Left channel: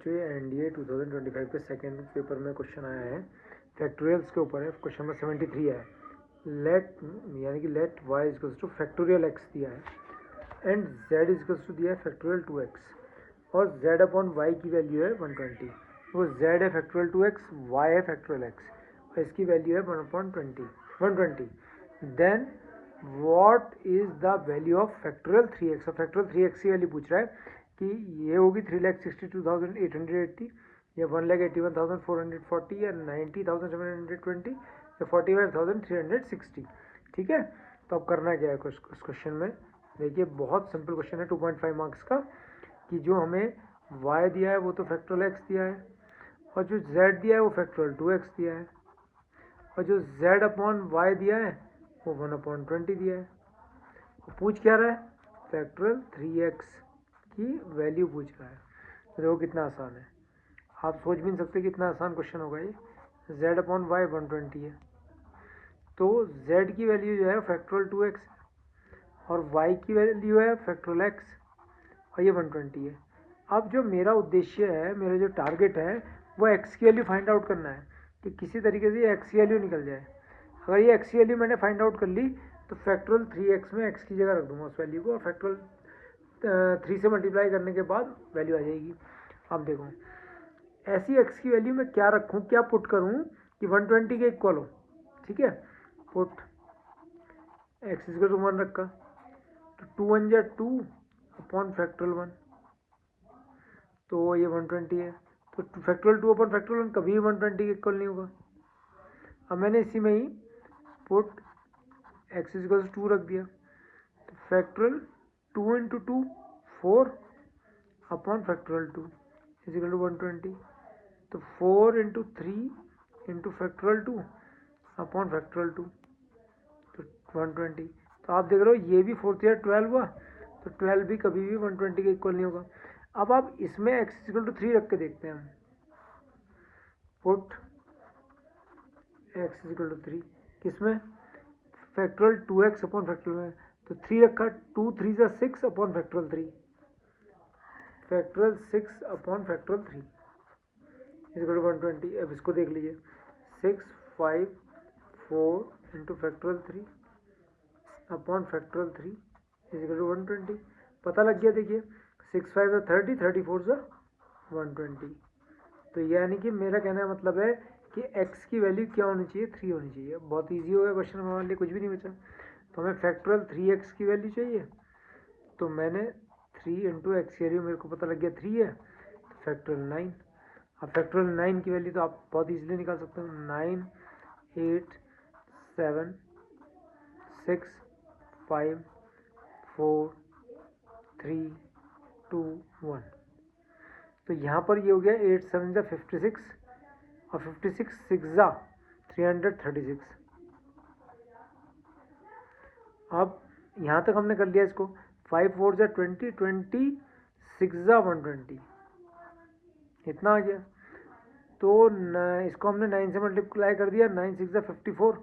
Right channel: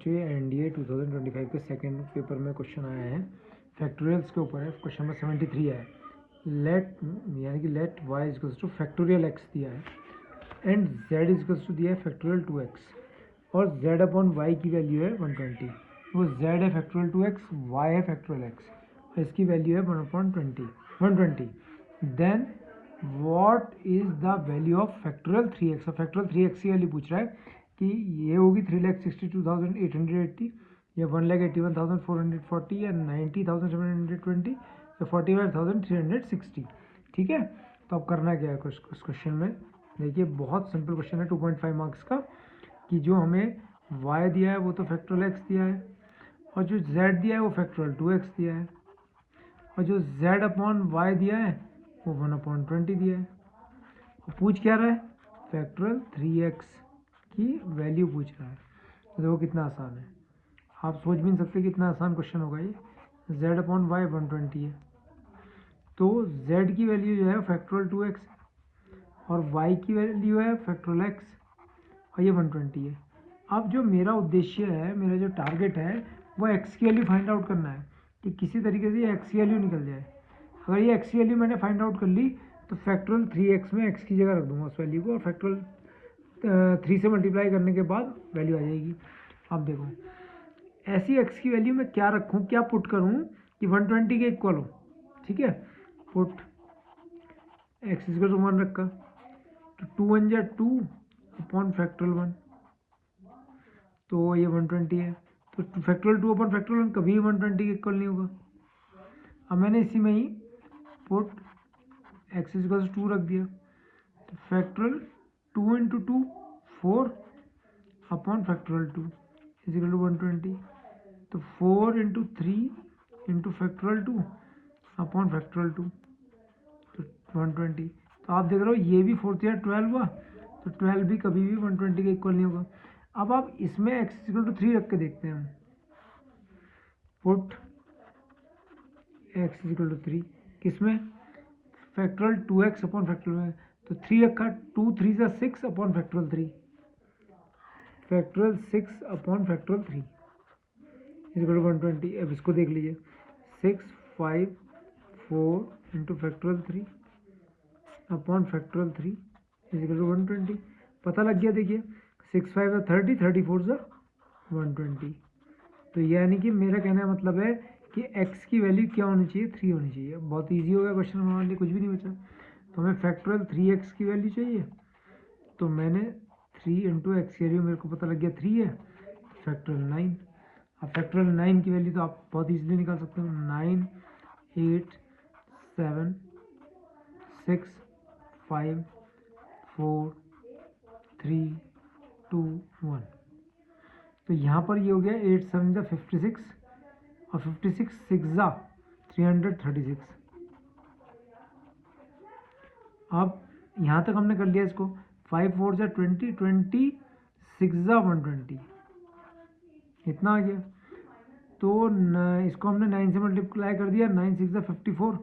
बच्चों ये एनडीए 2025 के सेकेंड पेपर में क्वेश्चन आया है, फैक्टोरियल्स के ऊपर है। क्वेश्चन नंबर 73 है। लेट यानी कि let y equals to factorial x दिया है एंड z इजकल्स टू दिया है फैक्टोरियल 2x और z अपॉन y की वैल्यू है 120। वो z है फैक्टोरियल 2x, y है फैक्टोरियल x और इसकी वैल्यू है 120। Then what is the value of factorial 3x। और फैक्टोरियल 3x की वैल्यू पूछ रहा है कि ये होगी 3,62,880 या 1,81,440 या 90,720 या 45,360। ठीक है, तो अब करना क्या है इस क्वेश्चन में। देखिए बहुत सिंपल क्वेश्चन है 2.5 मार्क्स का, कि जो हमें y दिया है वो तो फैक्टोरियल x दिया है और जो z दिया है वो फैक्टोरियल 2x दिया है और जो z अपॉन y दिया है वो 1/20 दिया है। और पूछ क्या रहा है, फैक्टोरियल 3x की वैल्यू पूछ रहा है। तो देखो कितना आसान है, आप सोच भी नहीं सकते कितना आसान क्वेश्चन होगा ये। z अपॉन वाई 120 है, तो z की वैल्यू जो है फैक्टोरियल 2x और y की वैल्यू है फैक्टोरियल x और ये 120 है। अब जो मेरा उद्देश्य है, मेरा जो टारगेट है वो x की वैल्यू फाइंड आउट करना है कि किसी तरीके से ये x की वैल्यू निकल जाए। अगर ये x की वैल्यू मैंने फाइंड आउट कर ली तो फैक्टोरियल 3x में x की जगह रख दूंगा उस वैल्यू को और फैक्टोरियल 3 से मल्टीप्लाई करने के बाद वैल्यू आ जाएगी। अब देखो ऐसी x की वैल्यू मैं क्या रखूं, क्या पुट करूं कि 120 के इक्वल हो। ठीक है, पुट x इक्वल टू 1 रखा तो 2 1 जा 2 अपॉन फैक्टोरियल 1, तो ये 120 है। तो फैक्टोरियल 2 अपॉन फैक्टोरियल 1 कभी 120 के इक्वल नहीं होगा। अब मैंने इसी में ही पुट x इक्वल टू 2 रख दिया, तो factorial 2 into 2 4 upon factorial 2 is equal to 120। तो 4 into 3 into factorial 2 upon factorial 2 तो 120। तो आप देख रहे हो ये भी 4 या 12 हुआ, तो 12 भी कभी भी 120 के इक्वल नहीं होगा। अब आप इसमें x इक्वल टू 3 रख के देखते हैं हम, पुट x इक्वल टू 3 किसमें, फैक्टोरियल 2x अपॉन फैक्टोरियल में, तो 3 रखा 2 3 जा 6 upon factorial 3, factorial 6 upon factorial 3 equal to 120। अब इसको देख लीजिए 6 5 4 into factorial 3 upon factorial 3 is equal to 120। पता लग गया। देखिए 6 5 जा 30, 34 जा 120। तो यानी कि मेरा कहने का मतलब है कि x की वैल्यू क्या होनी चाहिए, 3 होनी चाहिए। बहुत ईजी हो गया क्वेश्चन, हमारे लिए कुछ भी नहीं बचा। तो हमें फैक्टोरियल 3x की वैल्यू चाहिए, तो मैंने 3 इंटू एक्स की वैल्यू मेरे को पता लग गया 3 है, तो फैक्टोरियल 9। अब फैक्टोरियल 9 की वैल्यू तो आप बहुत ईजिली निकाल सकते हो, 9 8 7 6 5 4 3 2 1। तो यहाँ पर ये हो गया 8 7 जा 56 और 56 6 जा 336। अब यहाँ तक हमने कर लिया इसको, 5 4 जा 20 20 6 जा 120, इतना आ गया। तो इसको हमने 9 से मल्टीप्लाई कर दिया, 9 6 जा 54,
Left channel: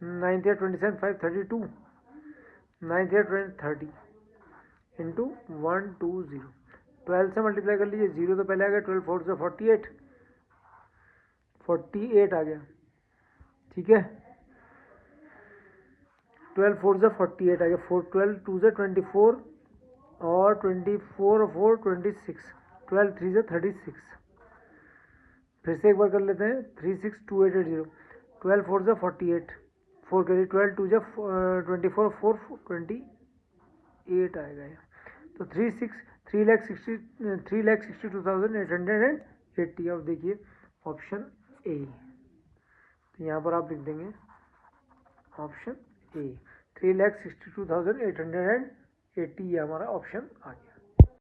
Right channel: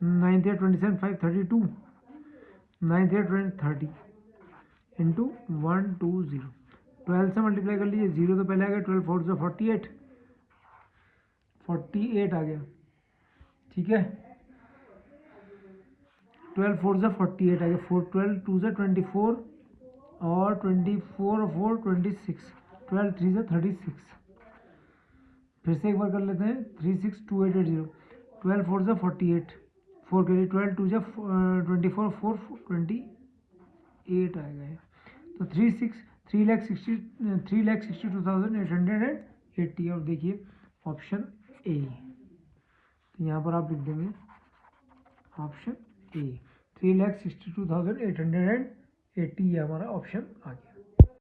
9 3 27 5 32, 9 3 20 30 इंटू 1 2 0। 12 से मल्टीप्लाई कर लीजिए, 0 तो पहले आ गया, 12 4 से 48 48 आ गया। ठीक है, 12 4 से 48 आ गया, 4 12 2 से 24 और 24 और 4 26, 12 3 से 36। फिर से एक बार कर लेते हैं, 362880, 12 4 से 48, 4 के लिए 12 2 से 24 4 28 आएगा ये। तो 3,62,880। और देखिए ऑप्शन ए, तो यहाँ पर आप लिख देंगे ऑप्शन ए, 3,62,880 ये हमारा ऑप्शन आ गया।